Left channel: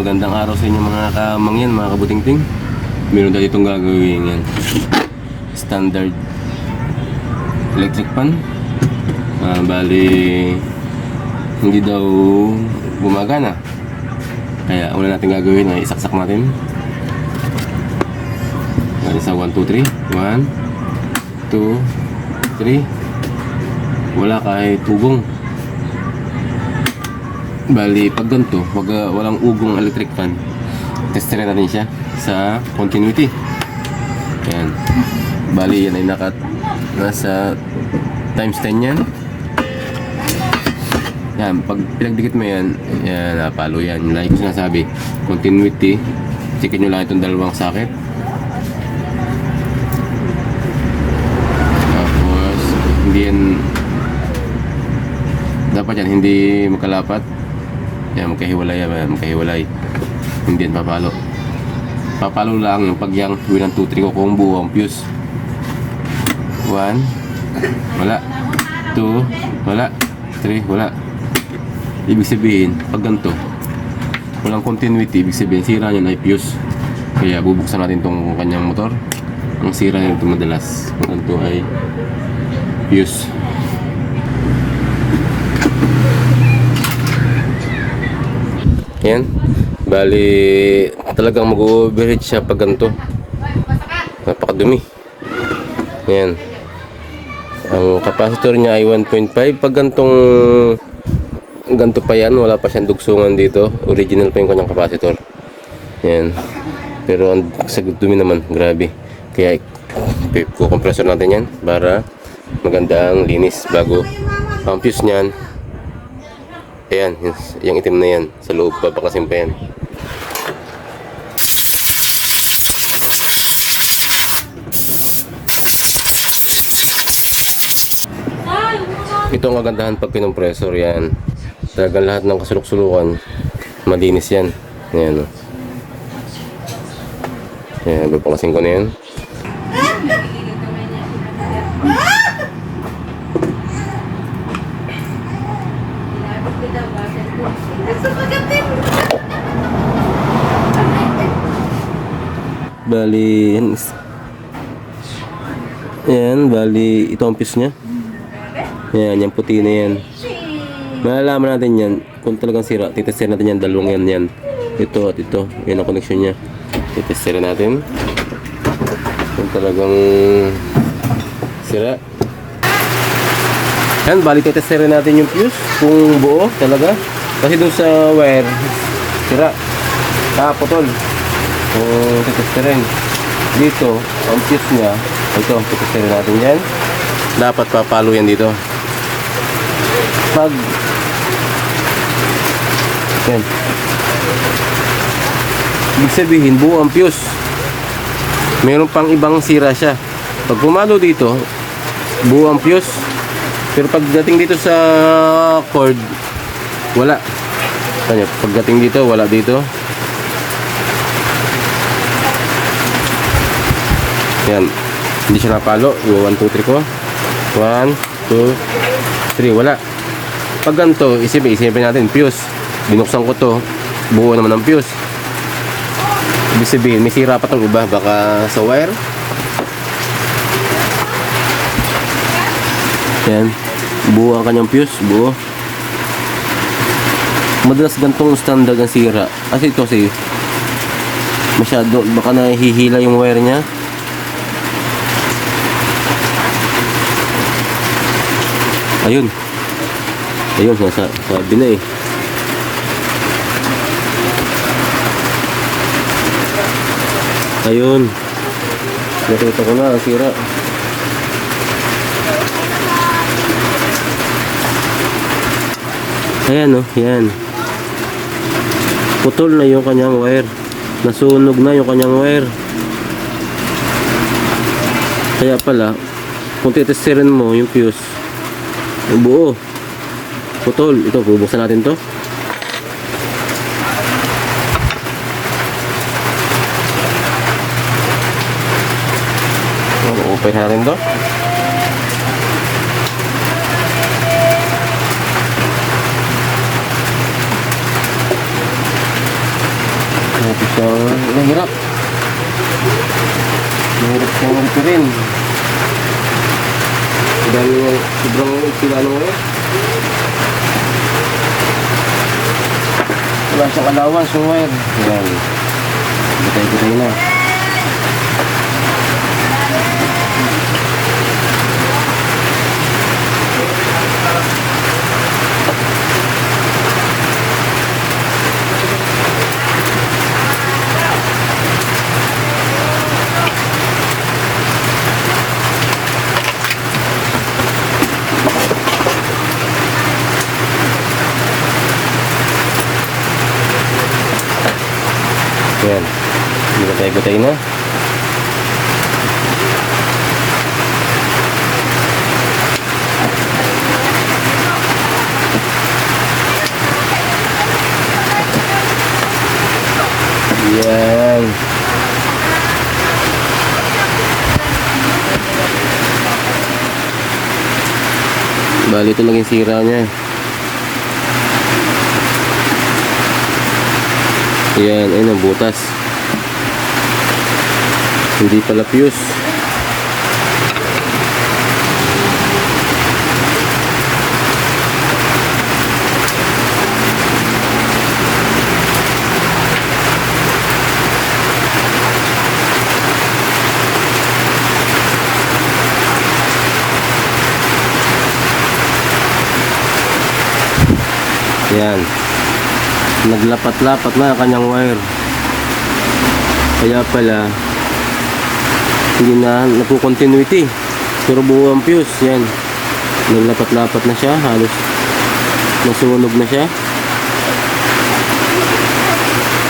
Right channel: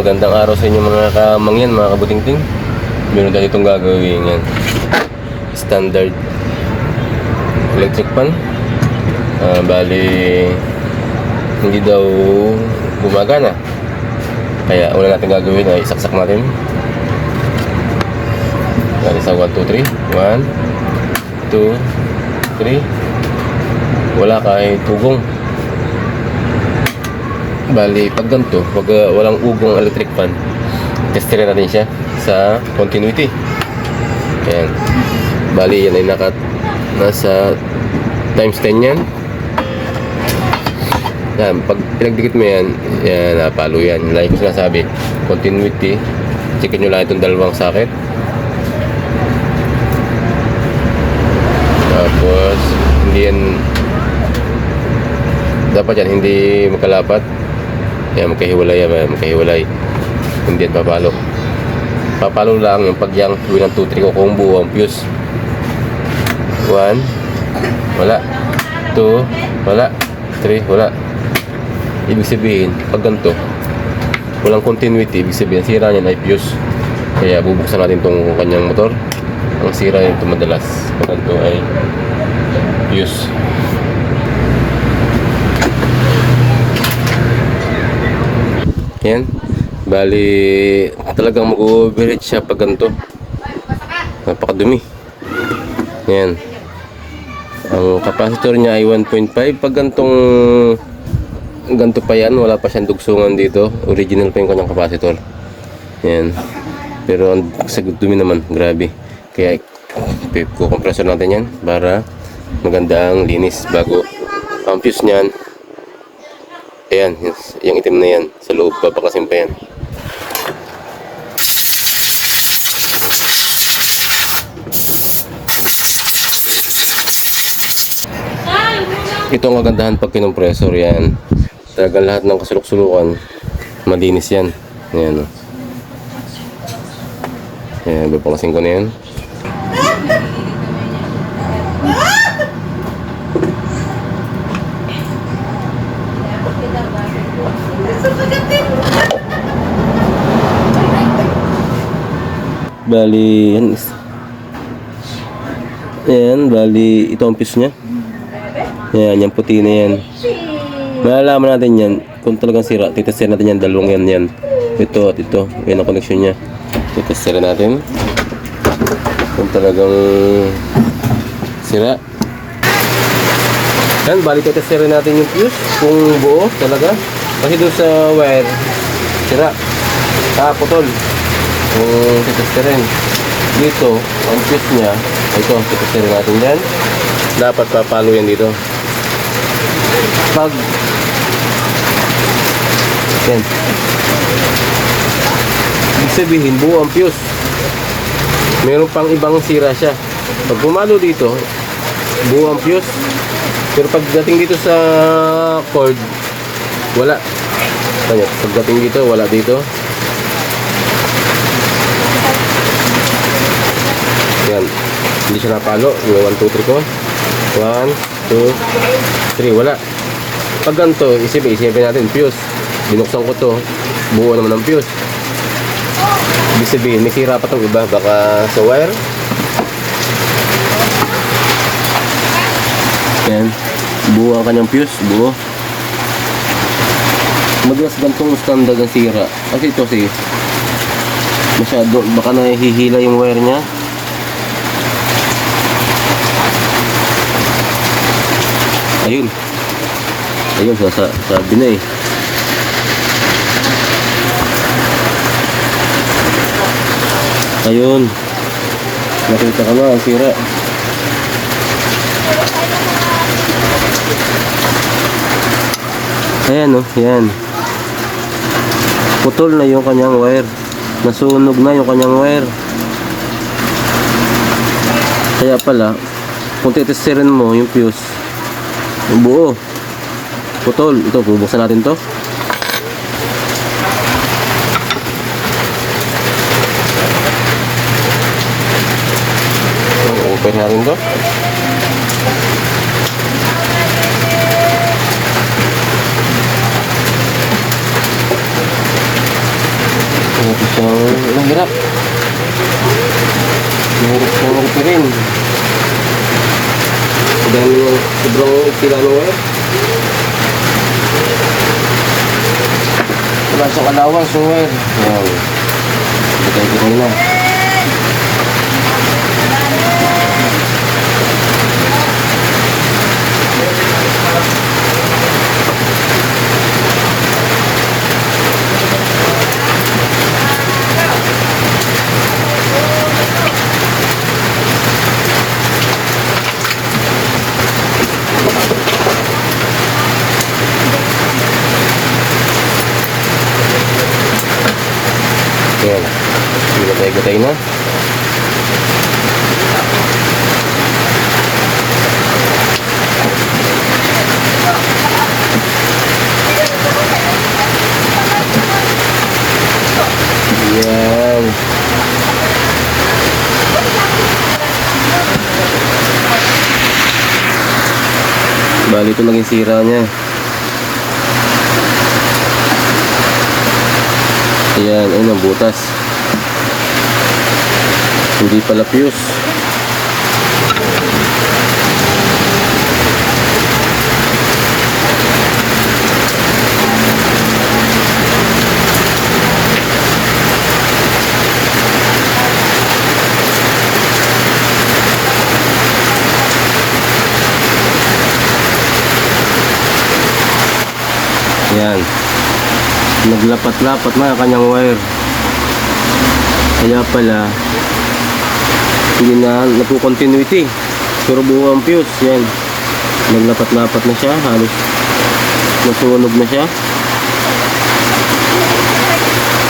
Magandang araw sa inyo mga kamangyan, mga kabutingting. Meron tayo itong gagawin yan. Standard electric pan. Bali hindi daw gumagana. Kaya una natin gagawin ay isaksak natin. Bali sa 1, 2, 3 1, 2, 3. Wala kahit tugong. Bali, pag ganito, pag walang ugong electric fan, testerin natin siya sa continuity. Ayan. Bali, yan ay nasa times 10 yan. Yan, pag pinagdikit mo yan, yan, napalo yan. Like ko sinasabi, continuity. Checkin nyo lang itong dalawang socket. Tapos, hindi yan, dapat yan, hindi magkalapat. Yan, magkahiwalay yan, magkahiwalay. Hindi yan papalo. Papalo lang yung pag yung 1, 2, 3 ko kung buo ang fuse. 1, wala. 2, wala. 3, wala. Ibig sabihin, pag ganito, walang continuity, ibig sabihin, sira niyan ay fuse. Kaya bubuksan natin itong kanyang motor. Ang sira nito madalas, pag ganito ay fuse. Yan. Bali, talagang mag-overheat siya pag ganito. Napakadumi. Yan. Ang capacitor niya ay 1.5. Pag ganito pa yan, wala pa siyang dugsungan dito. Original pa yung kanyang capacitor. Yan. Pero ang dumi naman, grabe. Kaya kukompressor natin yan para maganda ang linis bago ang fuse niyan. Ayan, yung itim na yan. Sa loob, papakasin pa yan. Ito ang kagandahan pag kinompresor yan. Talagang lahat ng kasulok-sulukan, malinis yan. Ayan, o. Ayan, papakasin ko na yan. Bali, yan. Yan, bali, ito ang fuse niya. Yan, yung puti na yan. Malalaman natin yan kung talagang sira. Titesterin natin yan, dalawang yan. Ito at ito. Yan ang connection niya. Titesterin natin kung talagang sira. Yan, bali, titesterin natin yung fuse kung buo talaga. Kasi doon sa wire, sira. Putol. Kung titesterin dito, ang fuse niya, ito, titesterin natin yan. Dapat papalo yan dito. Pag yan, ibig sabihin buo ang fuse. Meron pang ibang sira siya. Pag pumalo dito, buo ang fuse. Pero pagdating dito sa cord, wala. Kaya pagdating dito, wala dito. Yan, hindi siya napalo. 1, 2, 3 ko. 1, 2, 3, wala. Pag ganito, isipin natin fuse. Binuksan ko to, buo naman ang fuse. Ibig sabihin, may sira pa itong iba. Baka sa wire. Yan, buo ang kanyang fuse, buo. Madalas gantong standard ang sira. Kasi ito kasi masyado, baka nahihila yung wire niya. Ayun. Ayun, sabi na eh. Ayun. Nakita ko na ang sira. Ayan oh, yan. Putol na yung kanyang wire. Nasunog na yung kanyang wire. Kaya pala, kung titesterin mo yung fuse, yung buo, putol. Ito, bubuksan natin to. Okay natin to. sira ng wire. Wala siyang allowance yung wire. Yan. Butay-butay na. Yan. Butay-butay na. Yan. Bali ito naging sira niya. Ayan, ayun ang butas. Hindi pala fuse. Ayan. Naglapat-lapat na ang kanyang wire. Kaya pala hindi na napo-continuity. Pero buo ang fuse. Yan. Naglapat-lapat na siya. Halos masunog na siya.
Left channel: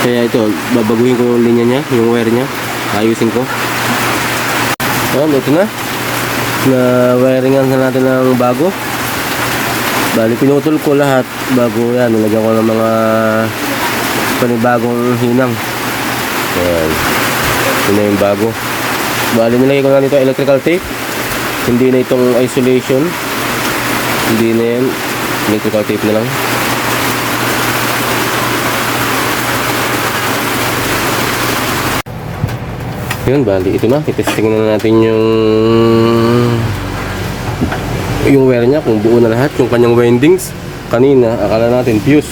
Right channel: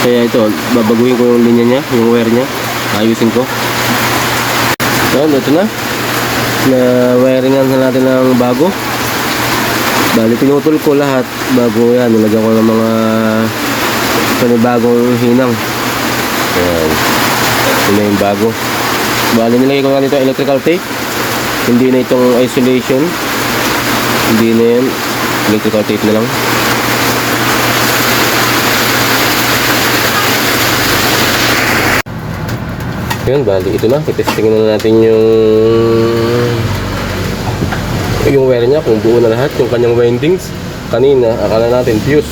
Kaya ito, babaguhin ko yung linya niya, yung wire niya. Ayusin ko. Yan, ito na. Na-wiringan na natin ng bago. Bali, pinutol ko lahat bago yan. Nilagyan ko ng mga panibagong hinang. Ayan. Ito na yung bago. Bali, nilagay ko nga nito electrical tape. Hindi na itong isolation. Hindi na yan. Electrical tape na lang. Yun, bali, ito na. Itesting na natin yung wire niya, kung buo na lahat, yung kanyang windings. Kanina, akala natin fuse.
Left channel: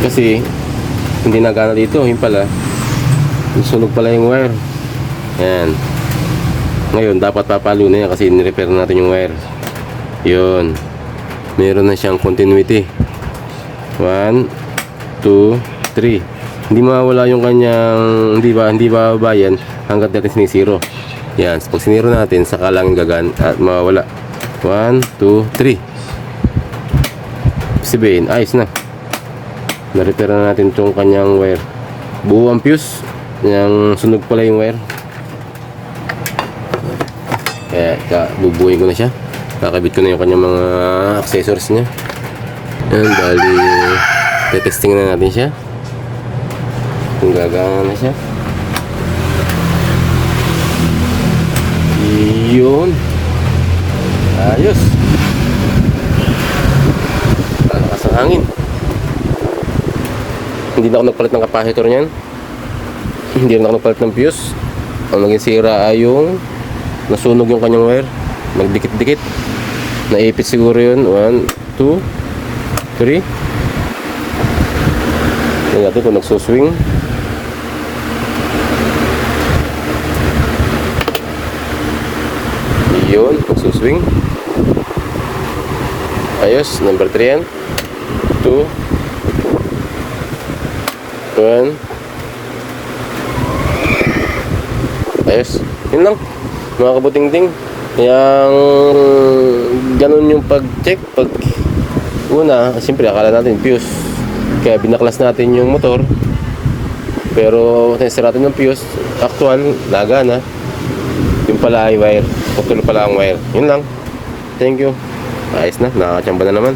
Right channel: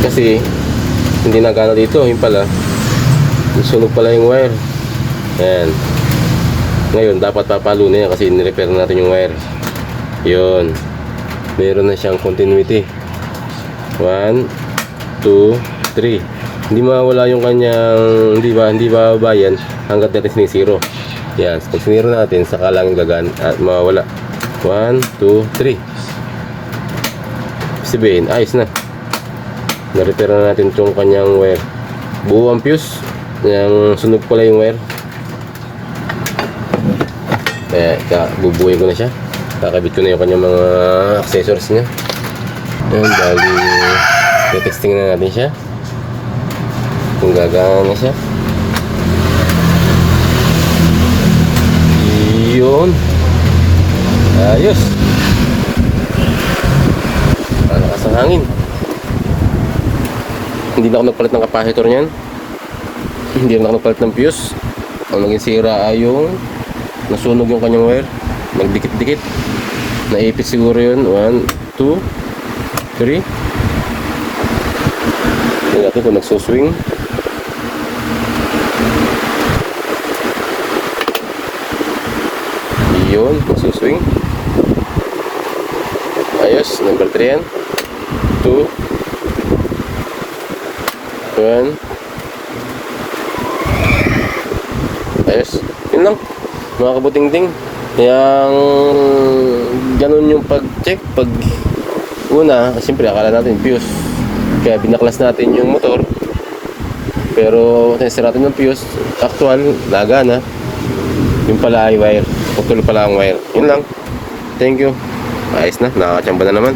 Kasi, hindi nagana dito. Yung pala, sunog pala yung wire. Ayan. Ngayon, dapat papalo na yan kasi nirepair natin yung wire. Yun. Meron na siyang continuity. 1, 2, 3. Hindi mawala yung kanyang, hindi bababa yan hanggat natin sinisiro. Yan. Pag siniro natin, saka lang gagan at mawala. 1, 2, 3. Sabihin, ayos na. Na-repair na natin itong kanyang wire. Buo ang fuse. Yang sunog pala yung wire. Kaya bubuhin ko na siya. Kakabit ko na yung kanyang mga accessories niya. Yan, bali testing na natin siya kung gagana na siya. Yun, ayos. Kaya ka sa hangin. Hindi na ako nagpalit ng capacitor niyan. Hindi na ako nagpalit ng fuse. Ang naging sira ay yung nasunog yung kanyang wire. Nagdikit-dikit. Naipit siguro yun. 1, 2, 3. Tingnan natin kung nagsuswing. Yun, nagsuswing. Ayos, number 3 yan. 2, 1. Ayos, yun lang mga kabuting-ting. Yang ganun yung pag-check. Pag una, siyempre akala natin fuse, kaya binaklas natin yung motor. Pero test natin yung fuse, actual, nagana. Yung pala ay wire, putol pala ang wire. Yun lang. Thank you. Ayos na, nakakachamba na naman.